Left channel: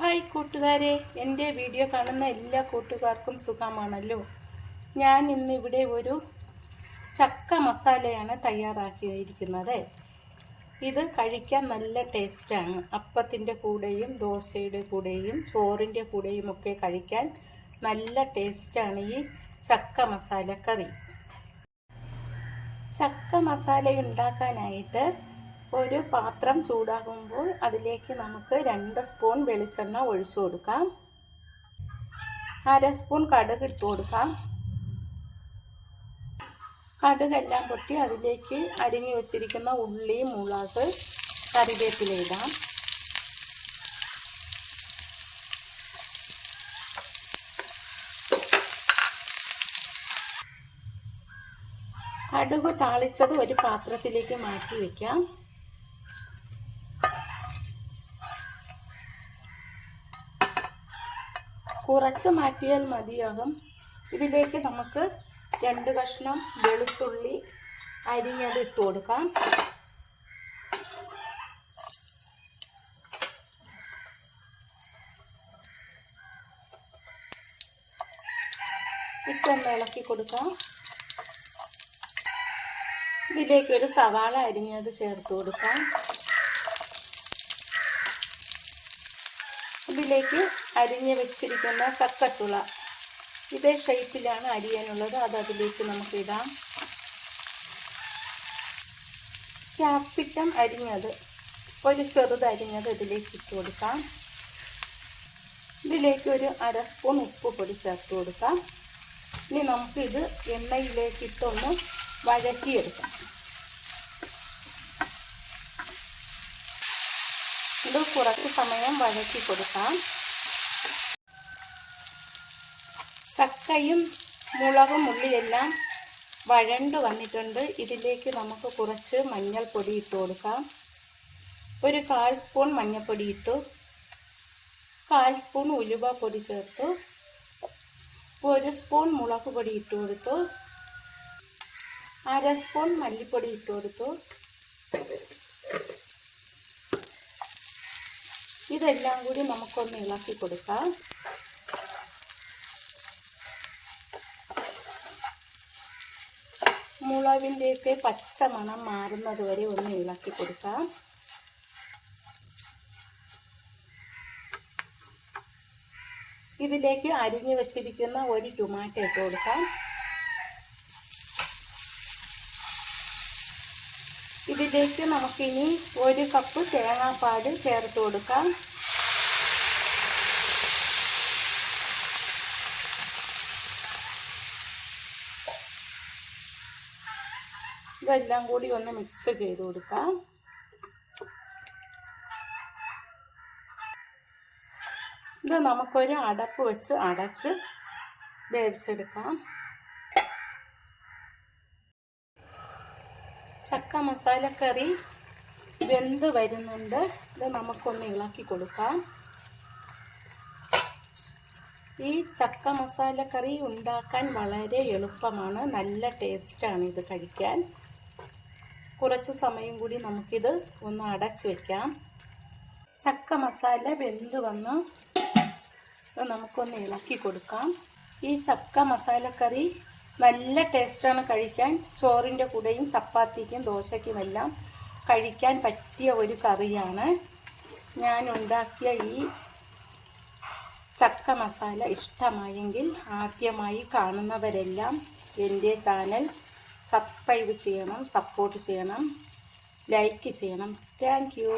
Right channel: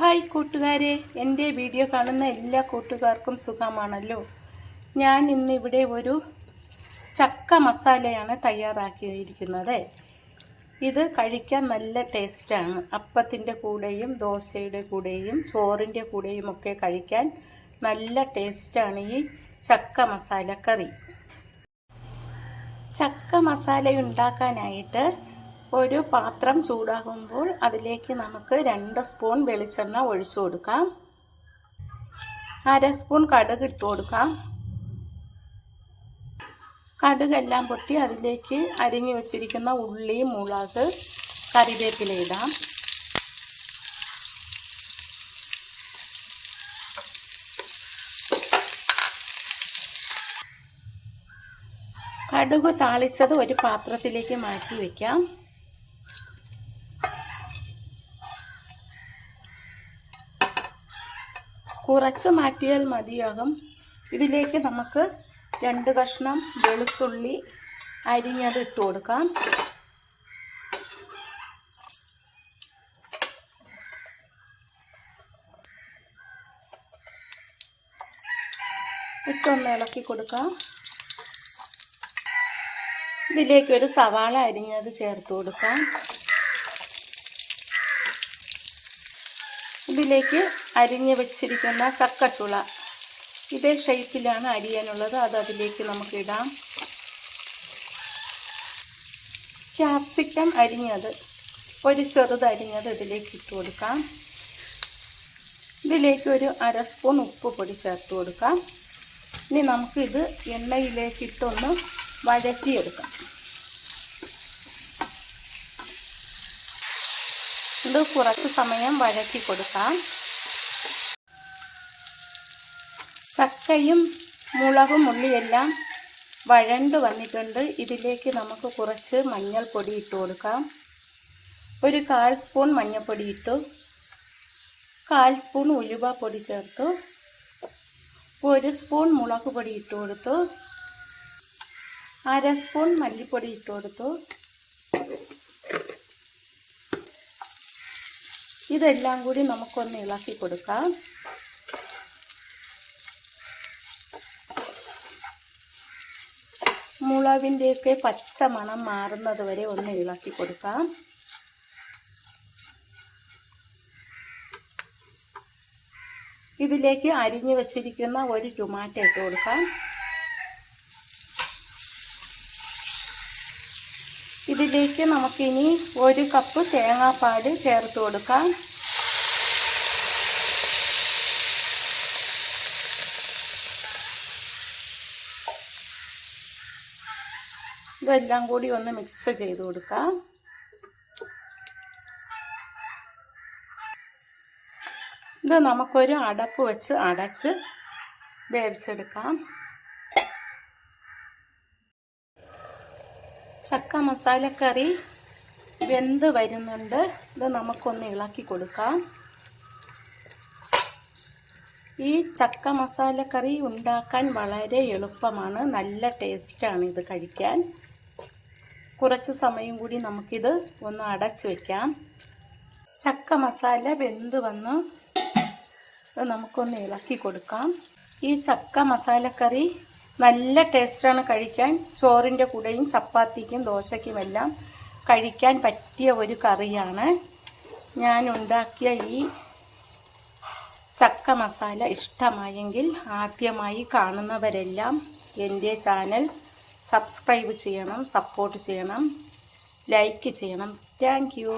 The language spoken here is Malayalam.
ഹായ് കൂട്ടുകാരെ, എൻ്റെ വീഡിയോ കാണുന്ന എല്ലാ കൂട്ടുകാർക്കും സുഖമാണല്ലോ. ഞാൻ ഇന്നിവിടെ ഒരു ചക്ക മസാലയാണ് തയ്യാറാക്കിയിരിക്കുന്നത്. ഇത് കഴിക്കാൻ നല്ല ടേസ്റ്റാണ്. അപ്പത്തിൻ്റെ കൂടെയും ദോശയുടെ കൂടെയും ചോറിൻ്റെ കൂടെയും ഒക്കെ കഴിക്കാൻ നല്ല ടേസ്റ്റാണ് ഈ ചക്ക മസാലക്കറി. ചക്ക മസാല ഉണ്ടാക്കാനായിട്ട് ഒരു പാത്രം ചൂടാകുമ്പോൾ അതിലേക്ക് നമുക്ക് 2 സ്പൂൺ വെളിച്ചെണ്ണ ഒഴിച്ചു കൊടുക്കാം. 1/2 സ്പൂൺ കടുക് ഇട്ട് കൊടുക്കാം. കടുകെല്ലാം പൊട്ടി അതിലേക്ക് അരിഞ്ഞു വെച്ചിരിക്കുന്ന ഉള്ളി, മുളക്, കറിവേപ്പില ഇടാം. കടുക് താളിച്ചത് ഒരു പാത്രത്തിലേക്ക് മാറ്റി വയ്ക്കാം. കുറച്ച് മാറ്റിയാൽ മതിയാകും. ഇതിലേക്ക് നമുക്ക് 2 കഷ്ണം വെളുത്തുള്ളി അരിഞ്ഞത് ഇട്ട് കൊടുക്കാം. ഇട്ടൊന്ന് ഇളക്കി കൊടുക്കാം. ഇതിലേക്ക് ഒരു സവാള അരിഞ്ഞത് ചേർത്ത് കൊടുക്കാം. ഇതിലേക്ക് അരിഞ്ഞ് വെച്ചിരിക്കുന്ന ചക്കച്ചുള ഇതേ ഷേപ്പിലാണ് അരിയാനുള്ളത്, അത് അതിലേക്ക് നമുക്ക് ഇടാം. ക്യാപ്സിക്കം അരിഞ്ഞത് ഒരു ചെറുത് അരിഞ്ഞത് ഇതിലേക്ക് ഇട്ട് കൊടുക്കാം. ഇതിലേക്ക് ഒരു 1/2 സ്പൂൺ ഉപ്പ് പൊടി ചേർത്ത് കൊടുക്കാം. ഇനി നമുക്കിത് എണ്ണയിലേക്ക് ഇട്ടൊന്ന് വഴറ്റിയെടുക്കാം. ഇത് കുറച്ച് സമയം വഴറ്റി കൊടുക്കാം. ചക്കയും മുളകും ഉള്ളിയെല്ലാം വഴണ്ടു വന്നിട്ടുണ്ട്. ഇതിലേക്ക് നമുക്ക് കുറച്ച് മഞ്ഞൾപ്പൊടി ഇട്ട് കൊടുക്കാം. ഒരു 1/4 സ്പൂൺ മഞ്ഞൾപ്പൊടി ഇട്ടു. 1/4 സ്പൂൺ ഉലുവപ്പൊടി ചേർത്തു. 1 സ്പൂൺ മുളക് പൊടി ഇട്ട് കൊടുത്തു. 1/2 സ്പൂൺ മല്ലിപ്പൊടി ഇട്ട് കൊടുത്തു. ഇതെല്ലാം കൂടി നമുക്കൊന്ന് ഇളക്കി കൊടുക്കാം. മുളകിൻ്റെയൊക്കെ പച്ച മണം മാറുന്നത് വരെ ഒന്ന് ഇളക്കി കൊടുക്കാം. ഇതിലേക്ക് അരിഞ്ഞു വെച്ചിരിക്കുന്ന ഒരു ടൊമാറ്റോ ഇട്ട് കൊടുക്കാം. ഇതിലേക്ക് നമുക്കിനി 1 കപ്പ് തേങ്ങാപ്പാൽ ചേർത്ത് കൊടുക്കാം. ഇതെല്ലാം കൂടി ഒന്ന് മിക്സ് ചെയ്ത് കൊടുക്കാം. ഇത് നമുക്കൊരു അടപ്പ് വെച്ച് അടച്ച് വേവിച്ചെടുക്കാം. ചക്ക മസാലക്കറി വെന്ത് വരുന്നുണ്ട്. ഇത് നമുക്കൊന്ന് ഇളക്കി കൊടുക്കാം. ഈ ചക്ക മസാലക്കറി ഉണ്ടാക്കാൻ വളരെ എളുപ്പമാണ്, നല്ല ടേസ്റ്റാണ് ഇത് കഴിക്കാൻ. കുറച്ച് സമയം കൂടി നമുക്കിത് ഒന്ന് അടച്ചു വയ്ക്കാം. ചക്ക മസാല വെന്ത് വന്ന് നമുക്കൊന്ന് ഇളക്കി കൊടുക്കാം. ഈ ചക്ക മസാലക്കറി നല്ല ടേസ്റ്റാണ് കഴിക്കാൻ. ചോറിൻ്റെ കൂടെയും ചപ്പാത്തിക്കും ദോശയ്ക്കുമെല്ലാം കഴിക്കാൻ പറ്റിയ ഒരു കറിയാണ്. ഞാൻ ഉണ്ടാക്കിയ ഈ ചക്ക മസാല ഇഷ്ടമായെങ്കിൽ ആദ്യമായി കാണുന്നവരെല്ലാം എൻ്റെ ചാനൽ സബ്സ്ക്രൈബ് ചെയ്യണം, സപ്പോർട്ട് ചെയ്യണം, ലൈക്ക് ചെയ്യണം. Thank you.